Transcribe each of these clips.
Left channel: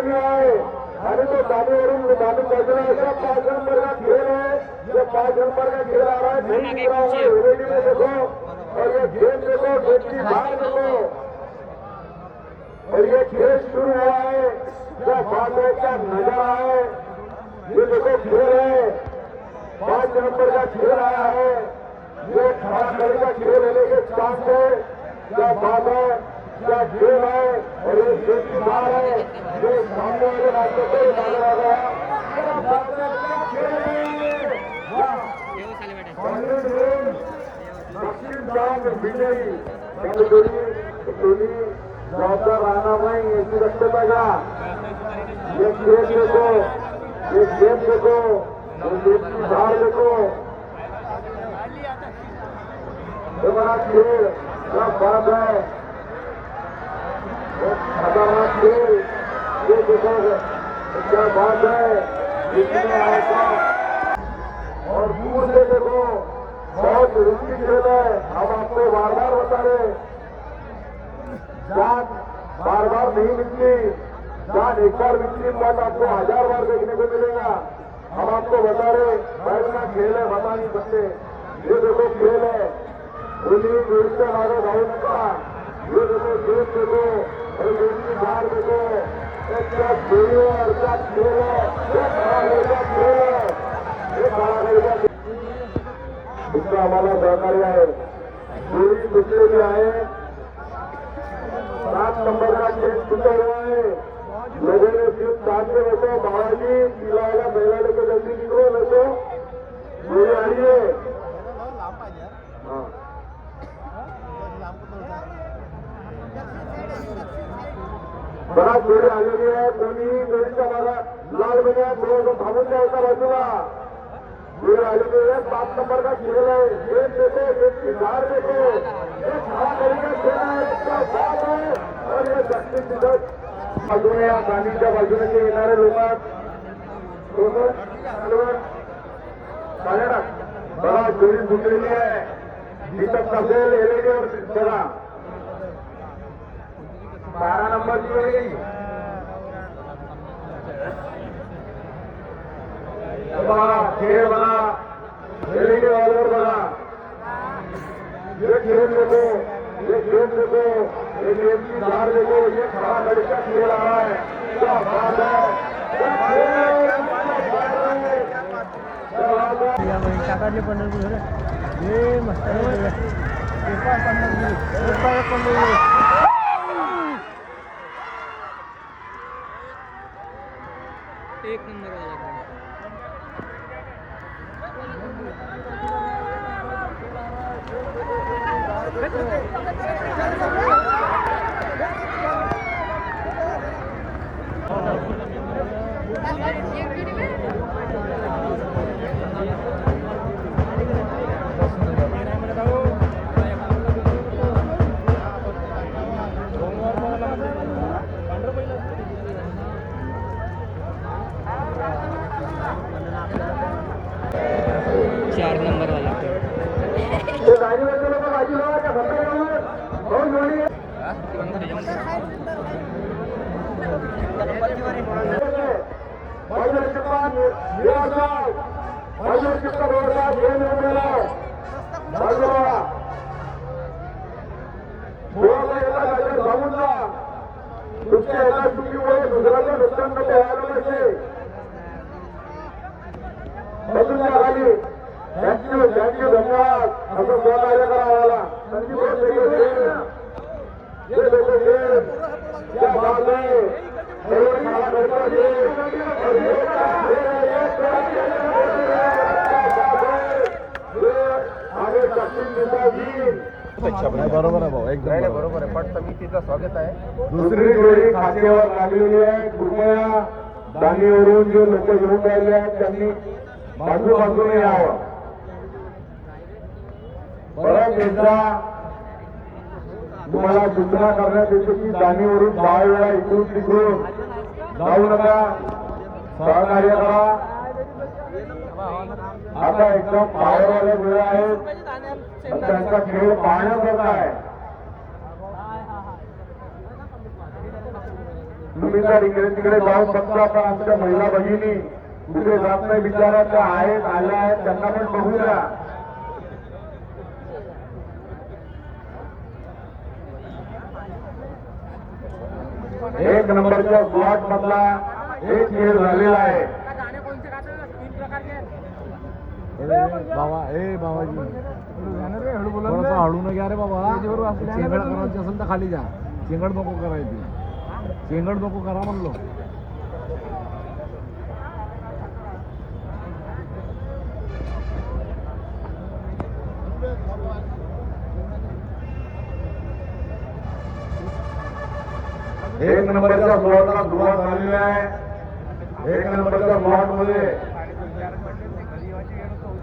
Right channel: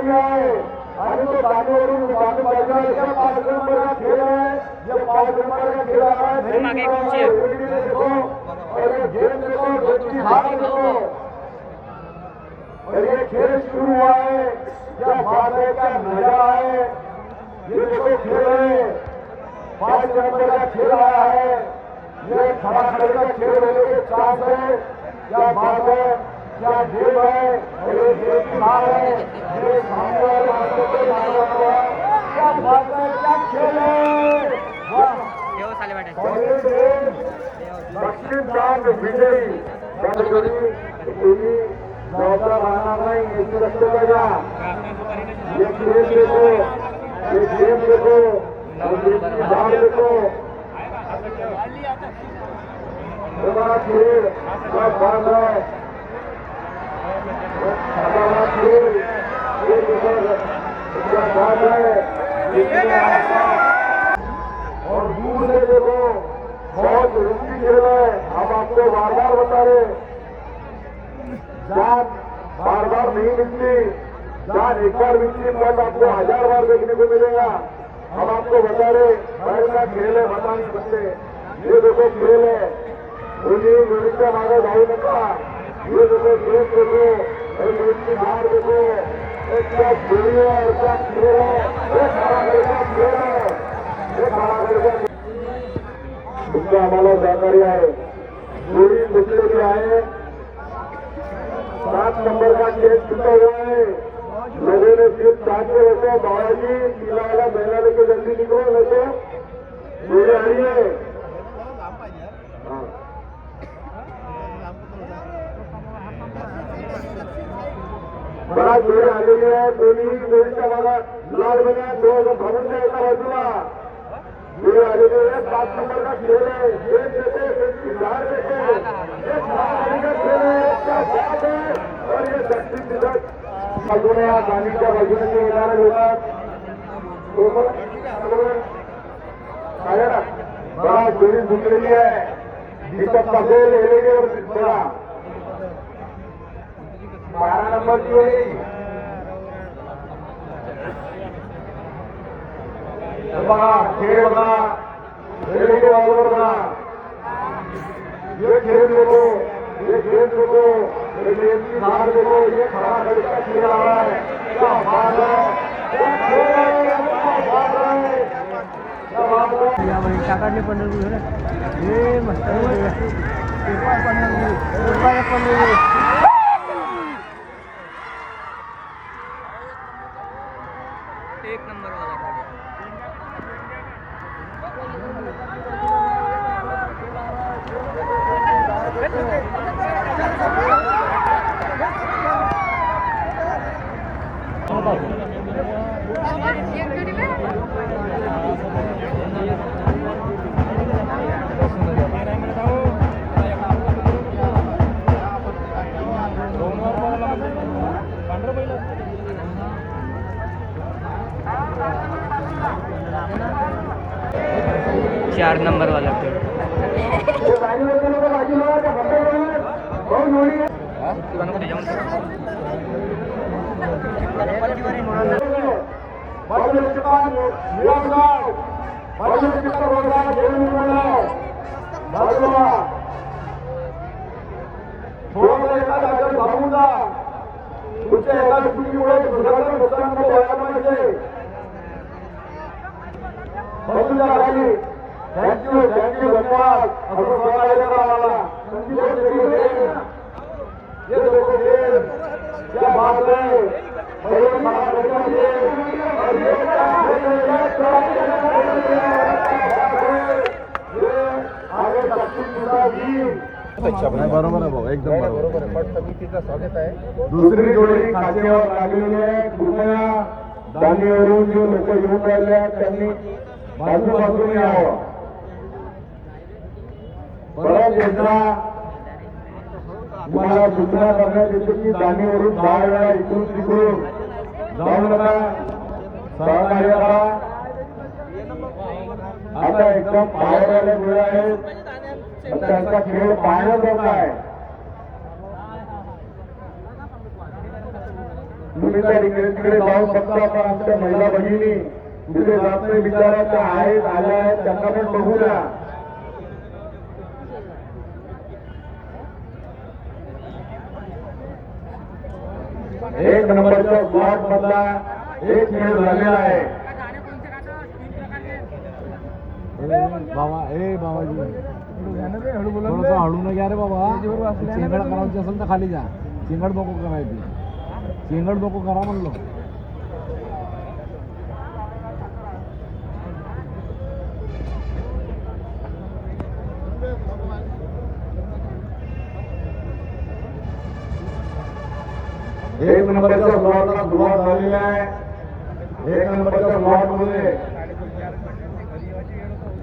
आलेली आहे आणि तो जागेवरून बाजू बाजूला 5 नंबर का खेळ आहे. ये 5 नंबर का खेळ आहे. आगे पीछे देखो और ये गेम देखो, गेम की हार देखो और ये खेल शुरू हुआ है. क्या बात है, क्या नजारा है. ये देखो खेल है, 5 नंबर का खेल आया है. ये खड़ा खड़े का खेल होने के चांस है. क्या बात है, क्या गेम है और ये गेम की हार है. ये सामने वाले हाथों पे मारा हुआ. क्या बात है, क्या खेल है. देव साले वाटे दक्षिण प्रांत विजयी नौका बनाना ये करते बजा. ये खेल देखो, ये गेम देखो, ये हार देखो. बड़ा खेल, क्या बात है. बड़ा खेल, क्या बात है. और दूर से देखो बहुत जरूरी खेल है. हम आपको बार-बार बता रहे, जान बार-बार नहीं मिलती. जान एक बार मिलती मगर आपको 1000 बार देखने को मिलेगा. हम आपको बता रहे हर बड़ा खेल है, बता नहीं सकते. ये देखो खेल है, ये मिलते हमारे भाई का. ये देखो खेल देखो, ये मिलती हार देखो. क्या खेल है, क्या खेल है. ये खड़ा मेरा खेल है, ये खड़ा मेरा. इसमें आम्हाला सहकार्य आहे. दोन्ही मित्र आहे. 7 नंबर का खेल शुरू हुआ है. लगे ने सिर्फ 4 होते बालाजी खिलाड़ा मेला लेके जल्दी निकलो. देखो ये आइए. बड़ा जोड़े आलेले आहे. दोन्ही मेरीच्या मला लाल बघा थोडं भागून द्यायचा बाजूला. ये आलेले आहे. 7 नंबर का खेल है. ये देखो बाहर देखो, ये खिलाड़ी का खेल है. क्या बात है. और ये दक्षिण दिशा बाजूने या गाडीच्या बाजूने जे येणारे लोक बड़ा जोड़ी झुकलेली आहे. दिसत असेल एलेगेवर चला 12 नंबरची जोडी. बघा खेळ बघा, एलेगे बाजूवर बघा. ये खेल देखो, ये खेल देखो, ये गेम की धार देखो. ये खड़ा खड़े का खेल आ रहा है. क्या बात है, क्या खेल है, क्या बात है, क्या बात है. या भाई काकाले पंढरपूर हे मस्त आहे. पेपर पंढरपूर एक नंबर वाला 4 नंबर वाला पे तुमच्या एका चुकीमुळे दुसऱ्याचं नुकसान नको व्हायला पाहिजे. थँक्यू थँक्यू धन्यवाद. असं बोलायला आम्हाला संदीप ये देखो गेम क्या बात है. और ये खड़ा लड़का गेम और ये क्या खेल है. ये आगे दक्षिण दिशा वीर बरोबर आहे भाऊ, एकदम बरोबर आहे. पट समितीचं स्वागत आहे. दुसरी जोडी खात्यावर लागलेली आहे. कृपया दांडीवरून जे लोक येऊन राहिले आहेत त्यांनी बाजूने यावं. परत एकदा तुम्हाला सूचना करण्यात येते की दांडीवरून 10 वेळा इकडून तिकडून जाऊ नका. सहकार्य करा. आता एकदम पावरवाले मुलं आहेत, त्यांचा खेळ पाहण्यासारखा आहे. तुम्ही तर इकडे तिकडे जाऊन बघता पण आमच्या महिला भगिनी कुठे जात नाही बिचारा, त्या आहेत आल्या आहेत, त्यांना पण बघू द्या. एक नंबरच्या स्लॉट मधला एक खेळ झालेला आहे. बाबा ए बाबाजी थोडंसं हळू न घ्या रे बाबा. चेंगड करायची असेल तर खाली जा. चेंगड नको करायची. चेंगड नको करा म्हणलो. एक नंबरच्या स्लॉटला सुरुवात झालेली आहे. एक नंबरच्या स्लॉट मध्ये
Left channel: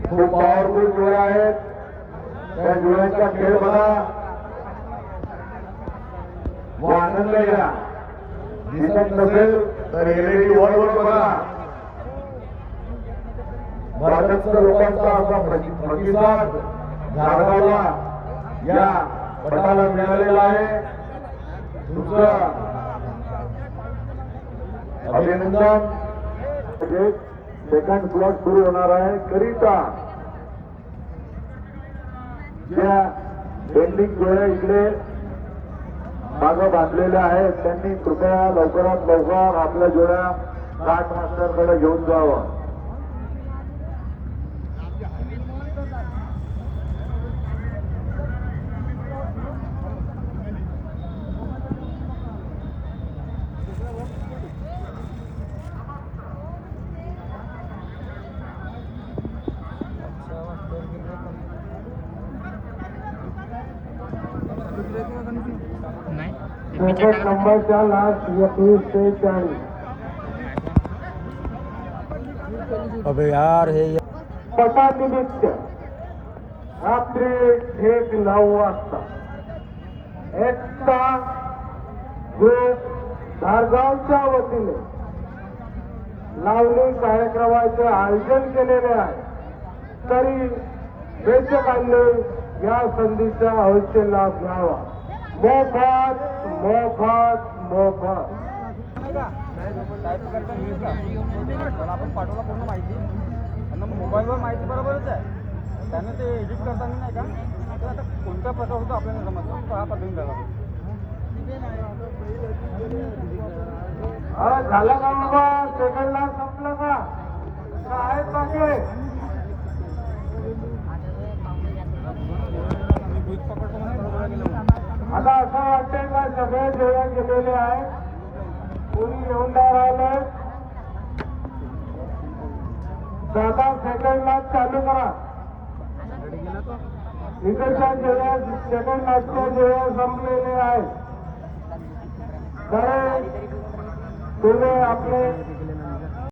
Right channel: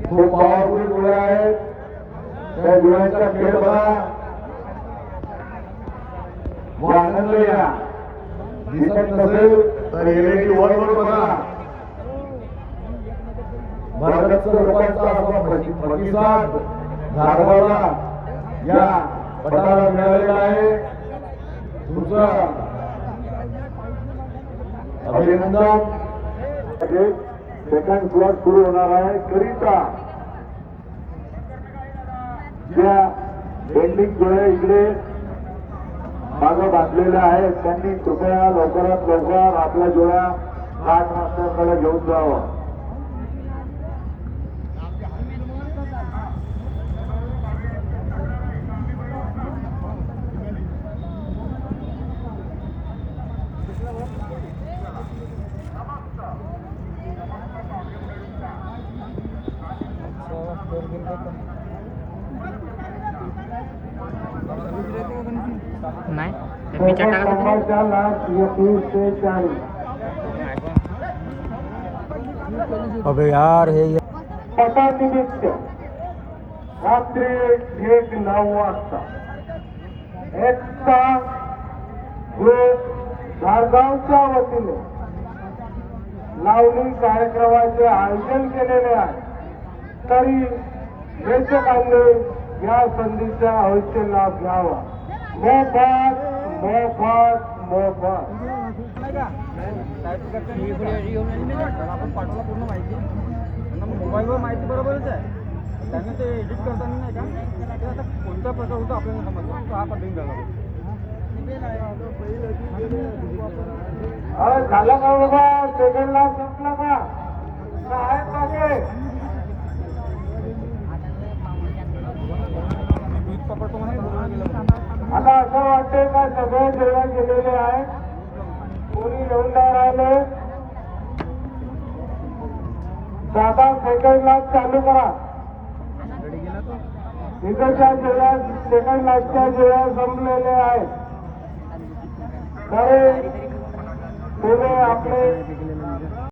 खूप पॉवरफुल जुळे आहेत. त्या जुळ्यांचा खेळ बघा, व आनंद घ्या. दिसत नसेल तर LED वर बघा. भारताच्या लोकांचा असा प्रतिसाद झारगावला या पटाला मिळालेला आहे. तुमचं अभिनंदन. सेकंड स्लॉट सुरू होणार आहे. करिता ज्या पेंडिंग जोड्या इकडे मागं बांधलेल्या आहेत त्यांनी कृपया लवकरात लवकर आपल्या जोड्या घाट मास्टरकडे घेऊन जावं. नाही ते पिक्चर टाकत होते. नंबरच्या लास्ट 21 ते 40. अबे यार हे पटानिमित्त रात्री 9 वाजता एकता ग्रुप धारगावच्या वतीने लावणी कार्यक्रमाचे आयोजन केलेले आहे. तरी प्रेक्षकांनी या संधीचा अवश्य लाभ घ्यावा. मोफत मोफत मोफत. आपण पाठवला पूर्ण माहिती. त्यांना मोबाईलवर माहिती बरोबरच आहे. त्यांना ते एडिट करताना नाही का ते आता कोणता प्रकार होतो आपल्याला समजला तो हा पद्धतीने झाला. झालं का बाबा? सेकंडला संपलं का? आहेत बाकी? आता असं वाटतंय का सगळे जेवण केलेले आहे, कोणी येऊन नाही राहिले. दादा सेकंडला चालू करा. इकडच्या जेव्हा सेकंड लाईटच्या जेव्हा संपलेले आहेत